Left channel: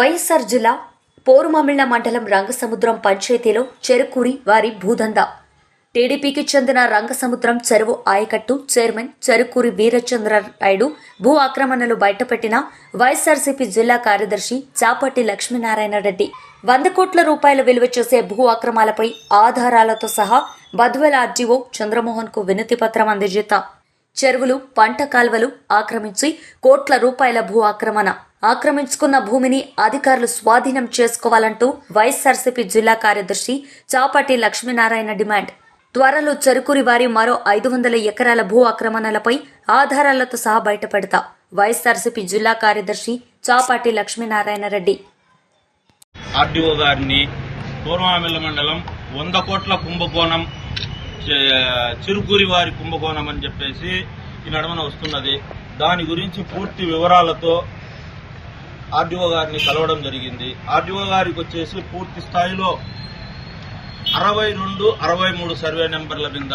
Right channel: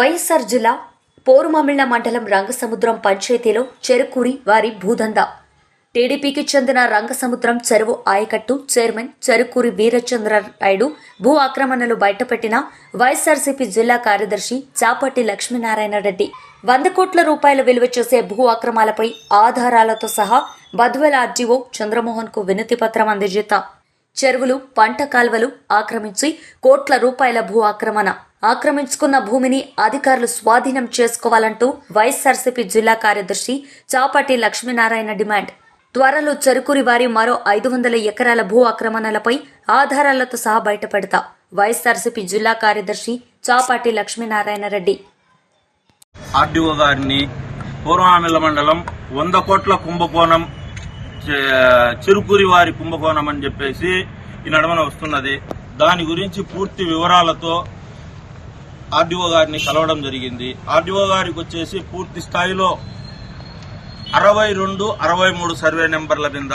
వైఎస్ఆర్ జిల్లా పోరుమమిళ్ళ మండలం రంగసముద్రం పంచాయతీలో చెరుకూరి వారి భూదందా. టీడీపీకి చెందిన రంగసముద్రం చెరువు ఆయకట్టు చైర్మన్ చెరుకూరి వీరచంద్ర నాయుడు భూ ఆక్రమణలు బయటపెట్టిన వైఎస్ఆర్సీపీ జిల్లా కార్యదర్శి చాపట్టి లక్ష్మీనారాయణ రెడ్డి. వంద కోట్ల రూపాయల విలువ చేసే భూ అక్రమాలపై ఆధారాలతో సహా బద్వెల ఆర్జీఓ చంద్రమోహన్కు వినతి పత్రం అందజేత. చెరువులు పంట కాల్వలు ఆక్రమించి కోట్ల రూపాయల భూ ఆక్రమణ. ఆక్రమించుకున్న భూమిని అధికారులు స్వాధీనం చేసుకోవాలంటూ వైఎస్ఆర్సీపీ జిల్లా కార్యదర్శి చాపటి లక్ష్మీనారాయణ డిమాండ్. త్వరలో చెరుకురి వారి మరో ఐదు వందల ఎకరాల భూ ఆక్రమణలపై ఆధారాలతో సహా బయటపెడతా వైఎస్ఆర్సీపీ జిల్లా కార్యదర్శి చాపాటి లక్ష్మీనారాయణ రెడ్డి. ఆర్డీఓ గారిని పూర్వామిల్ల మండలం వంద కోట్ల కుంభకోణం చిరుకూరి వారి కుంభకోణం అని చెప్పేసి ఈ నడమన వస్తున్నది. దాని గురించి పూర్తి వివరాలతో ఆర్డీఓ గారిని కలవడం జరిగింది. ఆర్డీఓ గారికి వచ్చేసి పూర్తి స్థాయిలో అరవై రెండు అరవై మూడు సర్వే నెంబర్ల మీద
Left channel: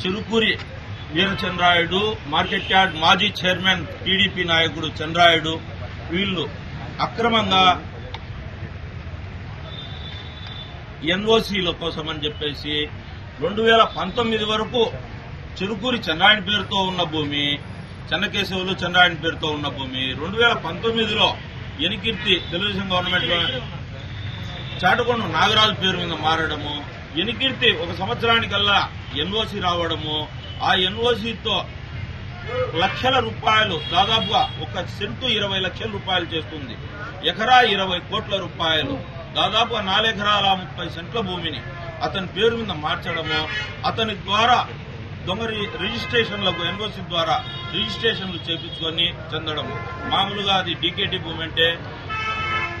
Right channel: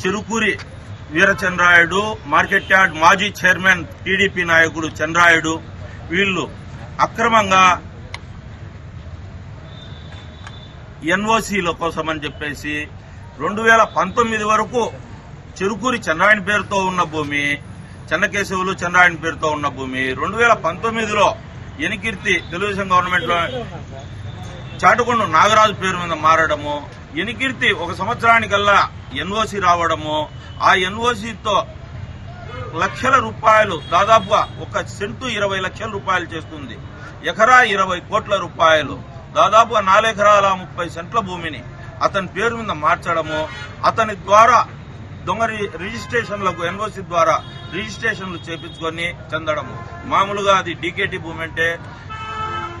చిరుకూరి వీరచంద్రాయుడు మార్కెట్ యార్డ్ మాజీ చైర్మన్ టీడీపీ నాయకుడు చంద్రాయుడు వీళ్ళు అక్రమంగా ఎన్ఓసీల కోసం అని చెప్పేసి రెండు వేల పంతొమ్మిది వరకు చెరుకూరి చంద్రాయణ పేరుతో ఉన్న భూమి చెన్నకేశవులు చంద్రాయణ పేరుతో ఉన్న భూమి. రెండు వేల పంతొమ్మిదిలో ఎనికిర్తి తెలుగుదేశం గవర్నమెంట్లో చాటుకొండ నాగరాజు పేరు మీద మారడము. ఎనికిర్తి ఒక సంవత్సరానికల్లా ఎన్ఓసి రావడము. ఆ ఎన్ఓసితో లక్షల రూపాయలు దాదాపుగా ఒక సెంటు ఇరవై లక్షల రూపాయలు చేస్తుంది. ఎకరా ఇరవై కోట్ల రూపాయలు దాదాపుగా నాలుగెకరాల ముప్పై సెంట్ల భూమిని అతని పేరు మీద మార్చడము అతని ద్వారా దొంగ రి- రిజిస్ట్రేషన్లకు ఎన్ఓసి ద్వారా రిజిస్ట్రేషన్లు చేపించుకొని చెందడము. మామూలుగా అది డీకేటీ భూమి అంటే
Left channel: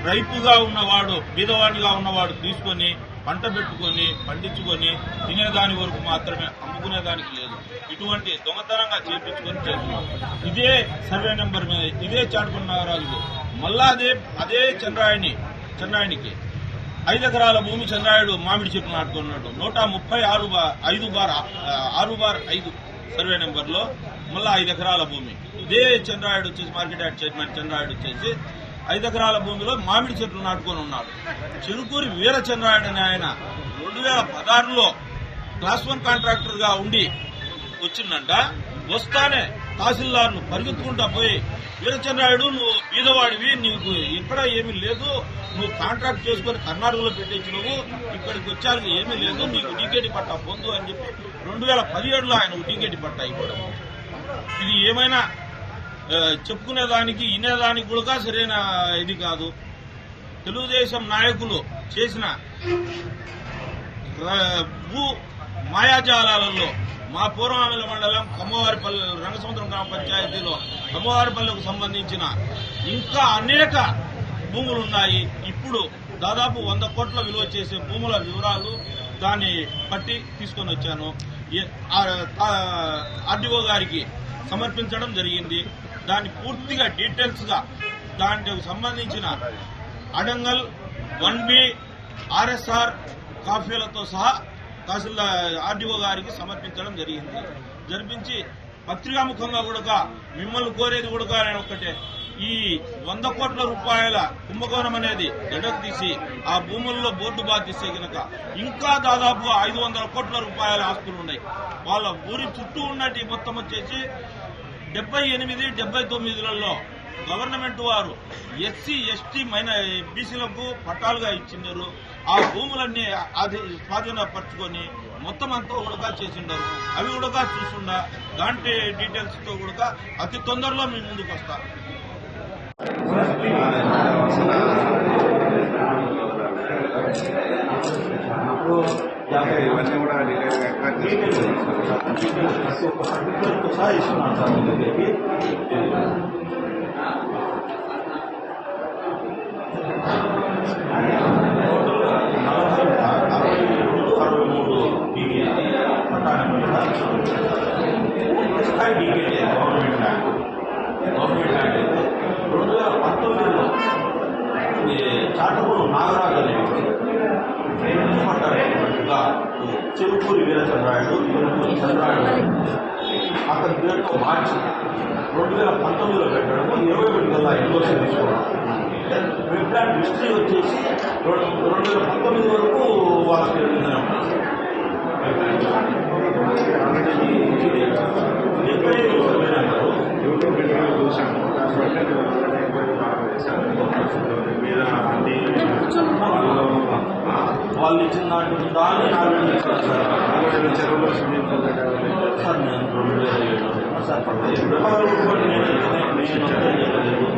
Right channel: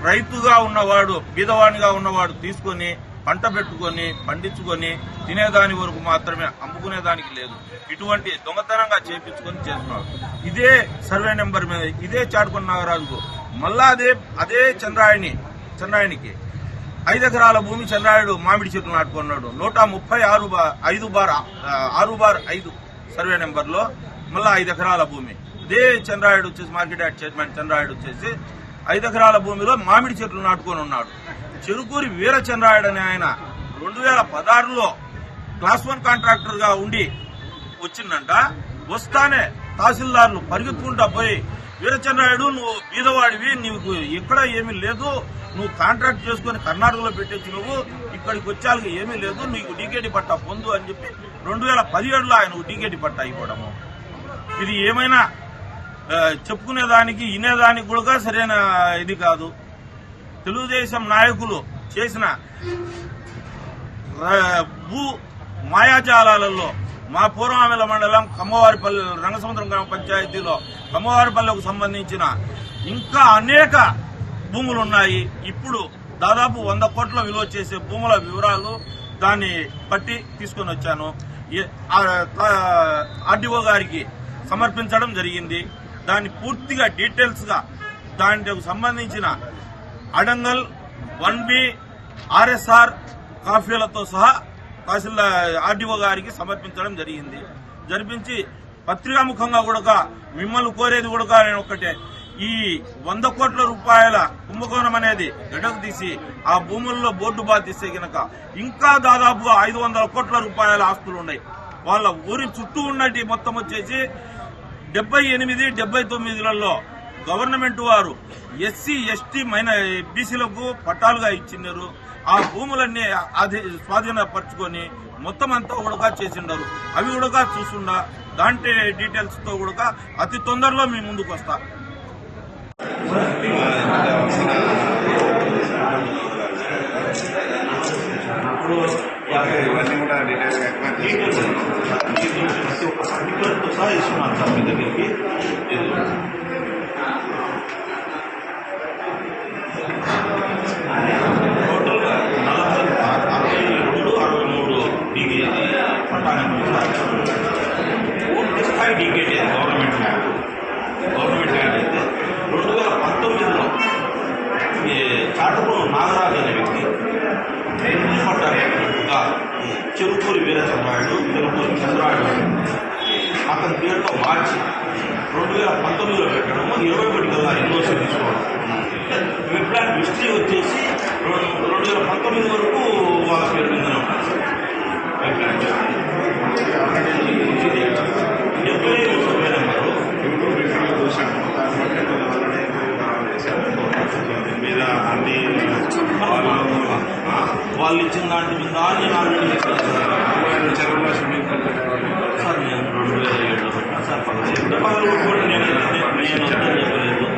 రైతుగా ఉన్నవాడు బీదవాడిగా ఉన్నవాడు తీసుకొని పంట పెట్టుకొని పండించుకొని తినేదాని వరకు మాత్రమే అమ్ముకునేదానికి లేదు. ఇటువంటి దొంగతనంగా చేపించుకొని చేస్తున్నారు ఇదే సర్వే నెంబర్ మీద ఇదే చాటుకొండ నాగరాజుకు మళ్ళా అదే అదే చంద్రాయణి చంద్రాయణికి ఐదు ఎకరాల భూమి చంద్రాయుడు మామిడి చెట్లు నాటుకున్నాడు. నూట ముప్పై ఆరు బా- ఐదు బార్ ఆరు బార్ ఐదు సర్వే నెంబర్లో మళ్ళీ ఐదు ఎకరాల భూమి. ఇదే చంద్రాయుడు వచ్చేసి మార్కెట్ యార్డ్ చైర్మన్ చంద్రాయుడు వచ్చేసి ఐదు ఎకరాల భూమిలో మామిడి చెట్లు నాటుకొని ఉన్నాడు. చెరుకూరి వీరచంద్రాయుడు అనే ఆయన రెండు వేల పదహారులో క్లాస్ వన్ కాంట్రాక్టర్గా ఉండి వచ్చిందంట. వస్తానే తహసీల్దార్ను పరిగెత్తుకుంటా పోయి వీరచంద్రాయుడు నువ్వు బీదవాడివి నీకు ఇక్కడ ఏమీ లేదు. నువ్వు కాంట్రాక్ట్ చేసుకుని కర్ణాటకలో పెట్టించినవు నువ్వు ఇక్కడికి వచ్చాక ఏమీ లేదు. నీకు డీకేటీ పట్టా పొందు అని చెప్పి రెండు వేల పదిహేడులో ఆయన డీకేటీ పట్టా ఇవ్వడము. ఇది ఏమైనా చెప్పుకునేదానికి వినేదానికి కూడా సరైన ఇది కాదు. తెలుగుదేశం నాయకులు చేసిన భూ మాయాజాలాలలో మా పూర్వామిల మండలం కమ్మవారిపల్లి రంగసముద్రం గ్రామ పంచాయతీలో కమ్మవారిపల్లెకు సంబంధించిన ఇంకా అనేక భూములు ఉన్నాయి. ఇప్పుడు దాదాపు వంద కోట్ల విలువ చేసే భూముల వివరాలు దాన్ని పట్టి తీసుకొని వచ్చాను. ఆర్డీఓ గారికి సమర్పించడం జరిగింది. దాన్ని పూర్తిగా డీటెయిల్స్గా దానికి సంబంధించిన అడంగల్ వన్ బి ఆర్ఎస్ఆర్ కాఫీలతో సహా తహసీల్దార్ ఆర్డీఓ గారికి సమర్పించడం జరిగింది. జరిపించి పత్రికాముఖంగా కూడా మిమ్మల్ని కోరేది కూడా నేను ఒక్కటే. ఈ వంద కోట్ల రూపాయల కుంభకోణం అనేది గడకు తీసి ఆ భూముల్లో బోర్డు బాధిస్తే గనక ఇంకా దాదాపుగా ఐదు వందల కోట్ల రూపాయల ఆస్తులు ఉన్నాయి. వాళ్ళ ఊరి చుట్టూ ఉన్నటి మొత్తం వచ్చేసి డెబ్బై ఎనిమిది డెబ్బై తొమ్మిదిలలో గవర్నమెంట్ వారు ఎస్సీ ఎస్టీ మైన బీసీలకు పట్టాలుగా ఇచ్చినారు. ఆ భూములన్నీ అది స్వాధీనపరచుకొని మొత్తం అంతా కూడా చేసిండారు. అవి కూడా చూసుండా దాంట్లో డీటెయిల్స్తో కూడా అతి తొందరలో మీ ముందుకు వస్తా. ఇవన్నీ కూడా ప్రతి ఒక్క సర్టిఫికెట్ సహా ఇస్తున్నాను సార్ మీ దగ్గరికి టోటల్గా నలభై అరవై రెండు అరవై మూడు డిగ్రీ పట్టానికి పూర్తి స్థాయి degree government land government land అయితే రెండు వేల పంతొమ్మిదిలో ఈ చాటపూరు నాగరాజు అనే వ్యక్తి ఇల్లు పట్టాలి చెరుకూరి వీరచంద్రాయుడు చెరుకూరి చంద్రాయుడు అతని పేరుతో మార్చి రెండు వేల పంతొమ్మిదిలో పెట్టడము ఇరవై ఒకటి కల్లా ఇన్వోషన్ తీసుకోవడం. వెబ్ హిస్టరీ వచ్చేసి రెండు రెండు వేల పంతొమ్మిది వరకు వాళ్ళ పేరు మీదనే వాళ్ళు ఇచ్చిన దాంట్ మీద నేను ఆల్రెడీ ఇచ్చాను సార్ ఆయన చెరువులో స్విమ్మింగ్ పూల్ కట్టేవాళ్ళు సార్ నేను రెండు వేల ఏడులో పెట్టినా. సార్ పదహైదు పదహారు కూడా నేను నేను వద్దని చెప్పలేదు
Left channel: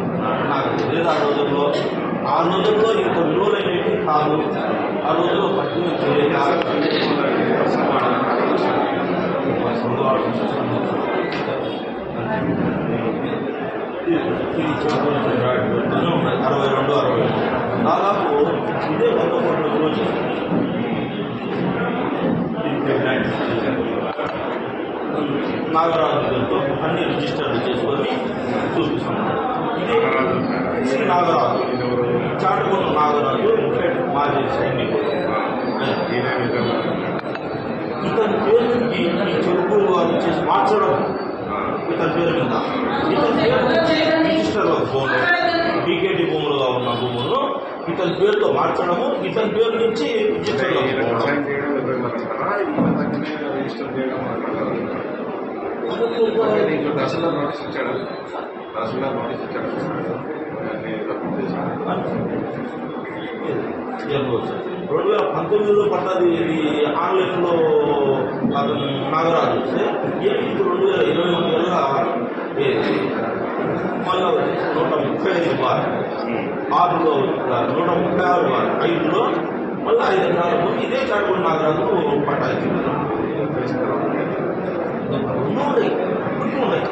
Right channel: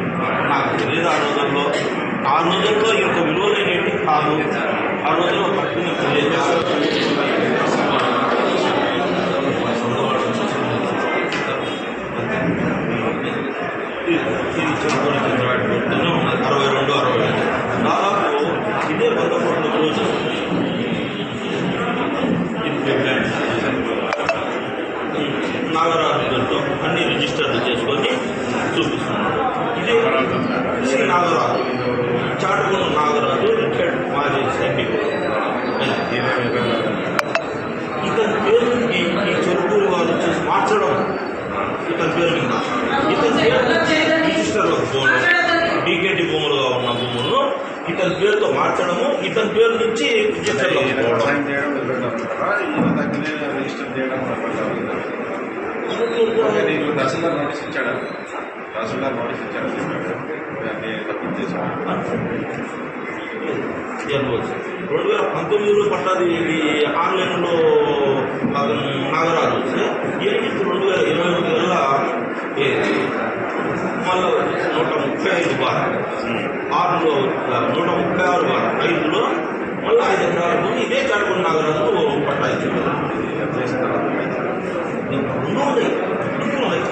నాకు తెలియదు ఆ రోజుల్లో. ఆ రోజుల్లో ఇంత విలువలైనవి కాదు. ఆ రోజుల్లో పట్టుకుని తెలియదు. నాగరాజులతో అన్ని రిజిస్టర్లు చేసుకొని చూపిస్తున్నాడు ఇదే శ్రీ నాగరాజు. చాటుకొండ నాగరాజు రిటైర్డ్ మాజీ సైనికుడు ఇతని పేరు ఈ ఈ చెరుకూరు వాళ్ళు వచ్చేసి మార్చడం ఇతని పేరు మీద. ఇతని పేరు నుంచి రిజిస్టర్లో పోవడం భూములుగా ఉన్న భూములను ఇతని పేరుతో మార్చడము ఇతని పేరు నుంచి రిజిస్టర్లో పోవడం. చేయడం రిజిస్టర్ చేయడం నీకు తహసీల్దార్ నోటీస్ ఇచ్చాడా తహసీల్దార్ నోటీస్ ఇచ్చాడా రెండు వేల పంతొమ్మిదిలో పడ్డది ఇది ఆన్లైన్లో నాగరాజు. వస్తే ఎనిమిది రెండు వేల ఇరవై ఒకటి వల్ల మళ్ళీ నూట ముప్పై ఐదు బార్. ఆరులో నూట ముప్పై ఆరు బార్. ఐదులో మళ్ళీ ఐదు ఎకరాల భూమి ఇదే చాటుకుని నాగరాజు పట్టా ఇచ్చింది చేసిన తర్వాత రెండు ఉన్నాయి రెండు ఉన్నాయి.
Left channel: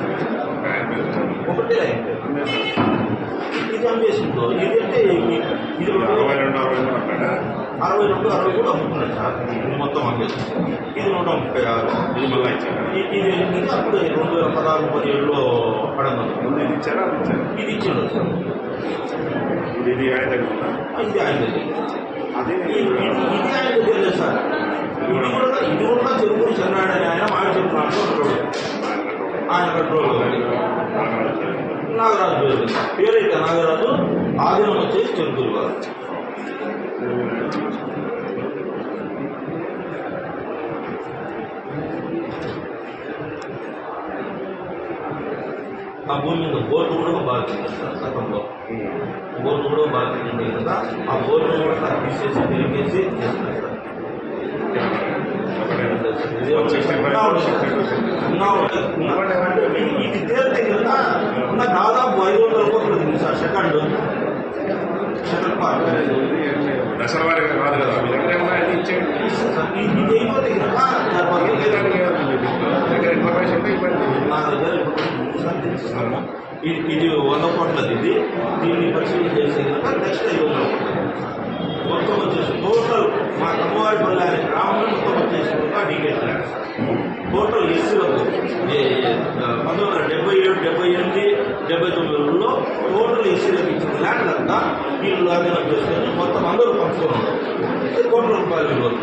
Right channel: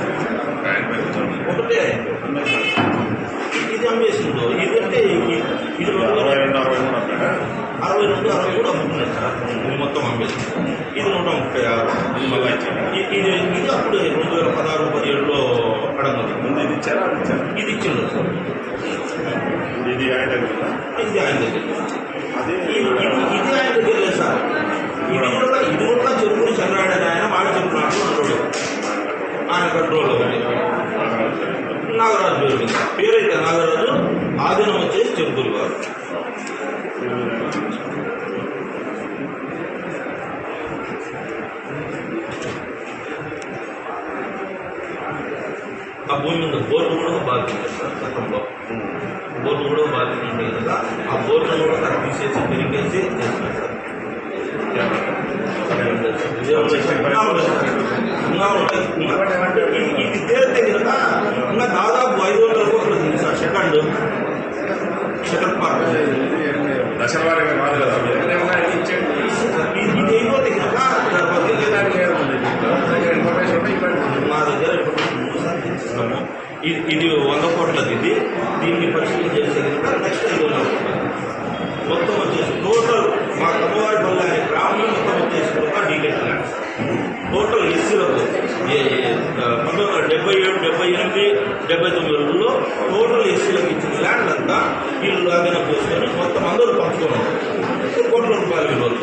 ఒకటే ఇది అమ్మేసిందో ఇది అంటే అరవై రెండు అరవై అరవై రెండు అరవై కూడా అమ్ముతున్నాడు సార్ ఇది మొత్తం అమ్మేసి ఇది నూట ముప్పై ఆరు ఇది మళ్ళీ ఇది ఇది అప్పుడు రెండు వేల పదహారు పదిహేడులో అడగదు ముందు ఇది ఇచ్చారా ఇది ఇచ్చిండు సార్ ఇది ఆయన ఇది ఆయన అదే ఇది కంట్రోల్ నాగరాజు పేరు. మీద. పేరైతే నాగరాజు ఆధీనం వచ్చేసి చెరుకులు వారు. ఆ భూమి మీద బోర్డు కూడా సార్ గతంలో బోర్డు కూడా బాధ్యత ఉంది కదా ఆ బోర్డును కూడా తీసేసి పెరిగేసి చేస్తున్నారు. సార్ ఇదే ఉంది సార్. ఇంకా ఉంది సార్. ఇంకా ఉంది. ఇంకా అంటే ఇది- ఇది తేలితే కనుక ఇంకా దాదాపు ఐదు వందల కోట్లు ఉంది సార్ సెకండ్ సెకండ్ పార్ట్ దశల వారిగా కాదు కదా మీ దగ్గర ఏమన్నా అన్ని ఇచ్చేయండి ఇది ఇది అయిపోతే కనుక తర్వాత దానికి ఏముంది దీంట్లో? మీ దగ్గర ఇన్ఫర్మేషన్ ఉంటే ఇవ్వండి నా దగ్గర ఇప్పుడు మూడు సార్లు తెచ్చిస్తాము ఇది ఇది వంద కోట్లది ఇది దీన్ని పరిశీలన చేసే నెక్స్ట్ ఐదు వందల కోట్లది మొత్తం వచ్చేసి టోటల్ మా కమ్మవారిపల్లి అనే గ్రామంలో మొత్తం వచ్చేసి డీటెయిల్ ల్యాండ్స్ టోటల్ ఎస్సీలకు పంతొమ్మిది వందల డెబ్బై ఏడు డెబ్బై ఎనిమిది డెబ్బై తొమ్మిదిలో టోటల్ ఎస్సీలకు ఇచ్చిన ల్యాండ్ అంతా వీళ్ళు అధీనం చేసుకొని మొత్తం అందరూ పంచుకున్నారు కోట్ల రూపాయలు ఈరోజు